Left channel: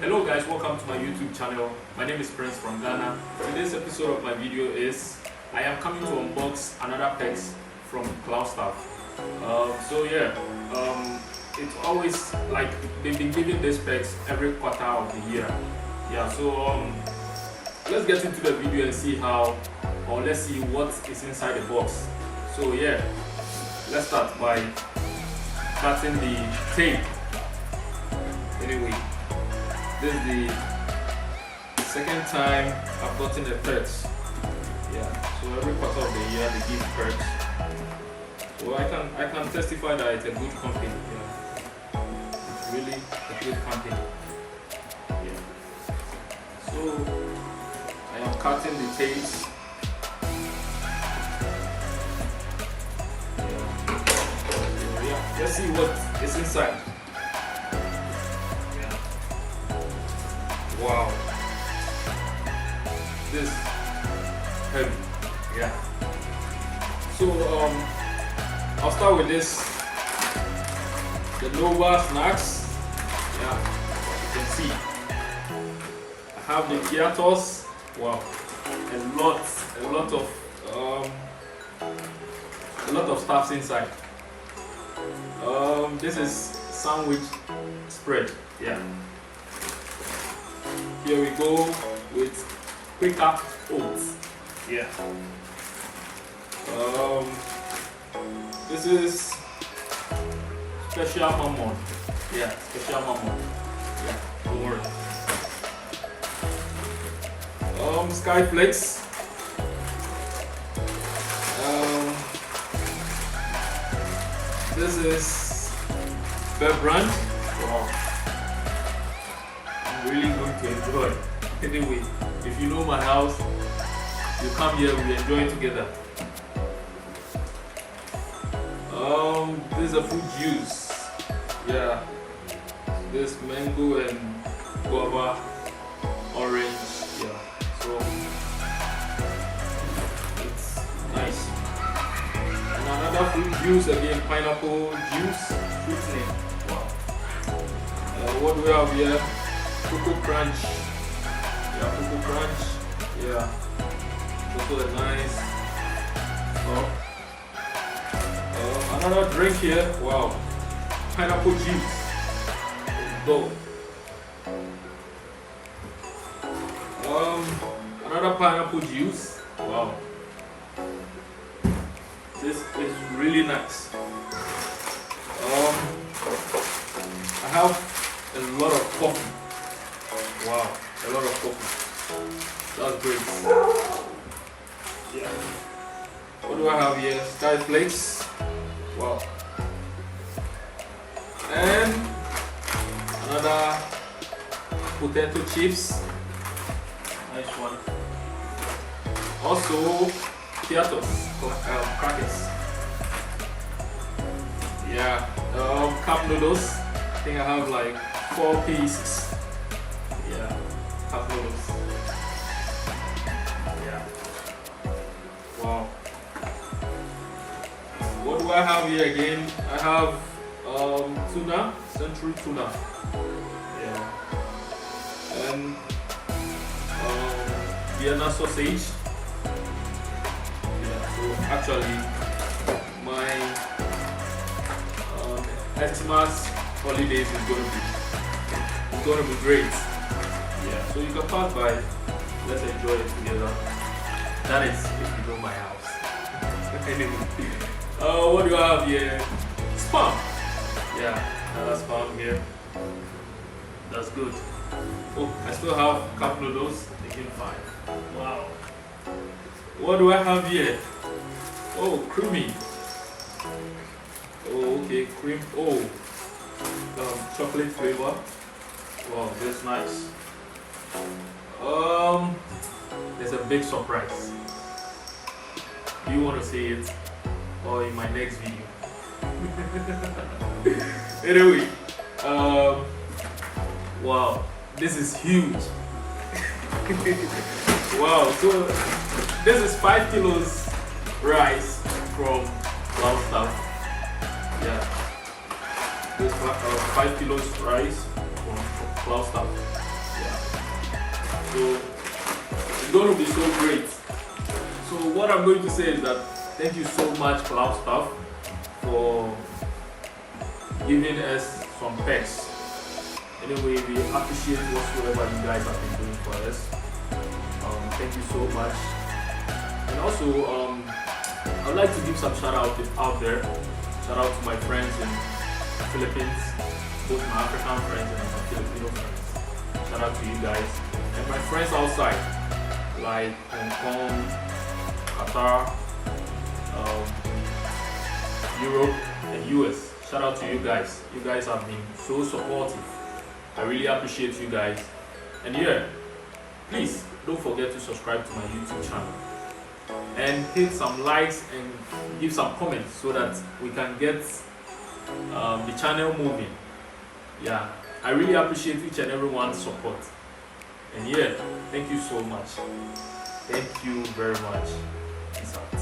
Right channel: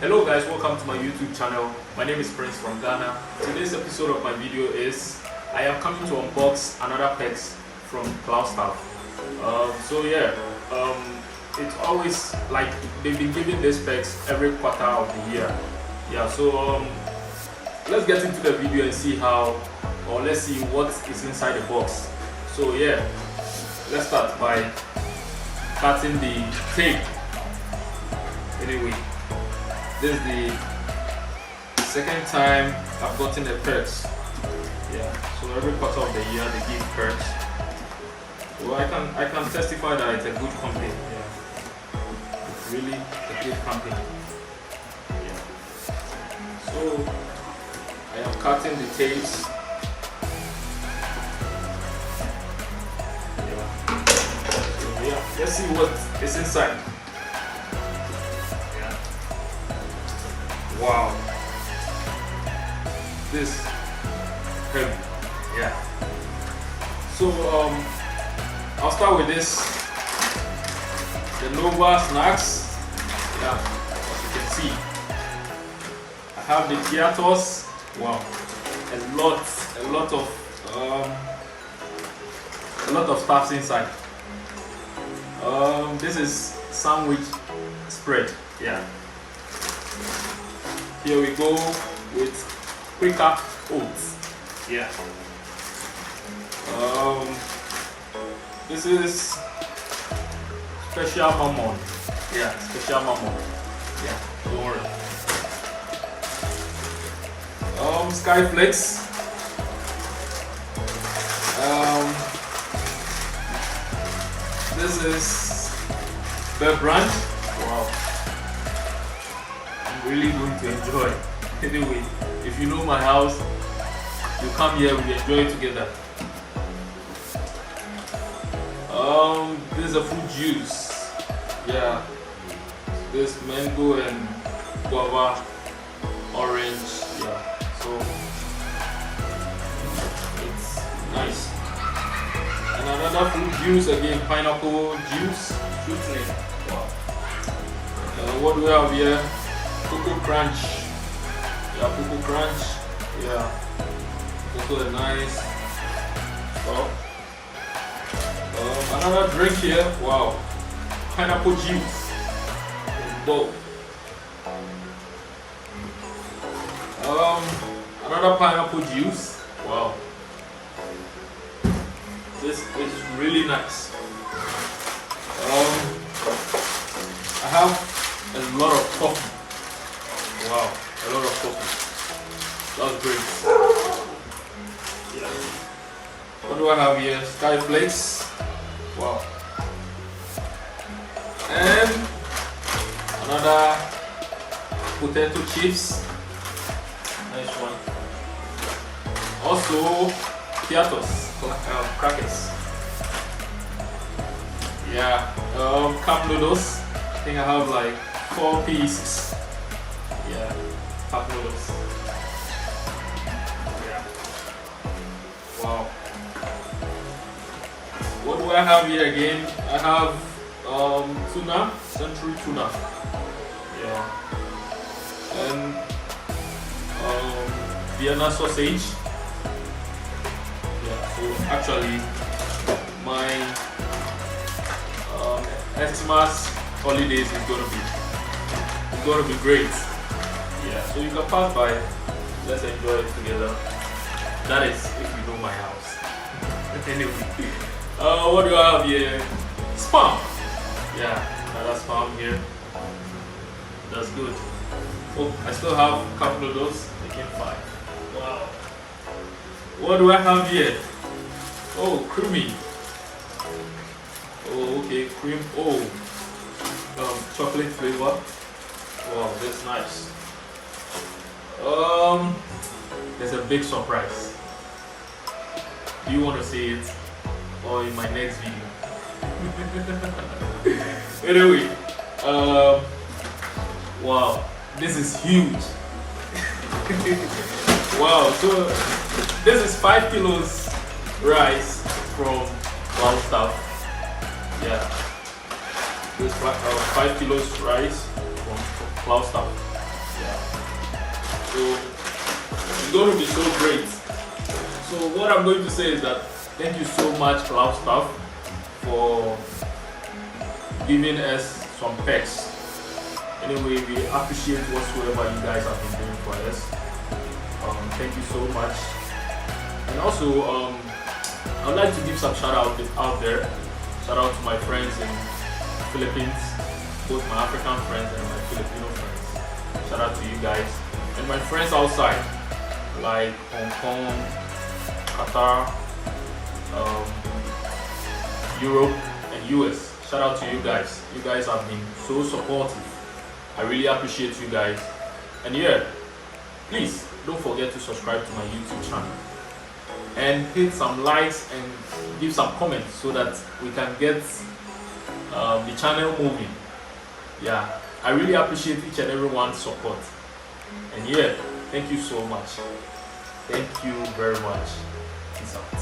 Hello guys, welcome to my YouTube channel. My name is Prince from Ghana. Today's episode of my video is I am coming to unbox another packs from Cloudstaff. It's always like they've been giving these packs every quarter of the year. Let's get into the video and see let's see what is inside the box. So yeah, let's start by cutting the tape. Anyway, this is the second time I've gotten the perks. So every quarter of the year they give perks. So I can testify that it's a good company. It's really a good company. So I am cutting the tapes. Let's see what is inside. Wow, this heavy. So I'll start with this, the Nova snacks. As you can see, I have the Prt2. Wow, a lot of stuff inside. This is sandwich spread. Here we go with quicker oats. This is special mammon. Special mammon. Don't worry. Sky flakes. This is the brand. Wow, I'm really going to enjoy. Anyway, if you know my house, you come here, we enjoy it together. This is a fruit juice. This mango and guava, orange. So it's nice. And another fruit juice again, pineapple juice, sweetening. Wow. What do we have here? Cocoa crunch. Cocoa crunch. Also a nice stuff. Another drink here. Wow. Pineapple juice. Dope. Another pineapple juice. Wow. This is really nice. I have a lot of coffee. Wow, a lot of coffee. That's great. What do I have here? Sky flakes. Wow. And another potato chips. Nice one. Also, Prt2 crackers. Cup noodles. I think I have like 4 pieces. Cup noodles. Wow. What do I have here again? I have tuna, century tuna. And Vienna sausage. So actually my Xmas holidays is gonna be great. So you can pass by, let's enjoy it together. That is if you know my house. Anyway, what do I have here? Spam. Another spam here. That's good. Oh, I still have cup noodles, making 5. Wow. What do I have here? Oh, creamy. Oh, okay, cream. Oh, chocolate flavor. Wow, that's nice. There's a big surprise. Do you want to see it, or in my next video? Anyway, wow, this is huge. Wow, so this is 5 kilos rice from Cloudstaff. This 5 kilos rice from Cloudstaff. Yeah. So it's going to be so great. So what I'm going to say is that thank you so much, Cloudstaff, for giving us some perks. Anyway, we appreciate whatsoever you guys have been doing for us. Thank you so much. And also, I would like to give some shout out there. Shout out to my friends in the Philippines, both my African friends and my Filipino friends. Shout out to you guys. And my friends outside, like Hong Kong, Qatar, Europe, and US. Shout out to you guys. You guys have been so supportive. I really appreciate you guys. And yeah, please don't forget to subscribe to my YouTube channel and hit some likes and give some comments so that we can get the channel moving. Yeah, I really appreciate each and everyone's support. And yeah, thank you so much. Thank you very much. Peace out.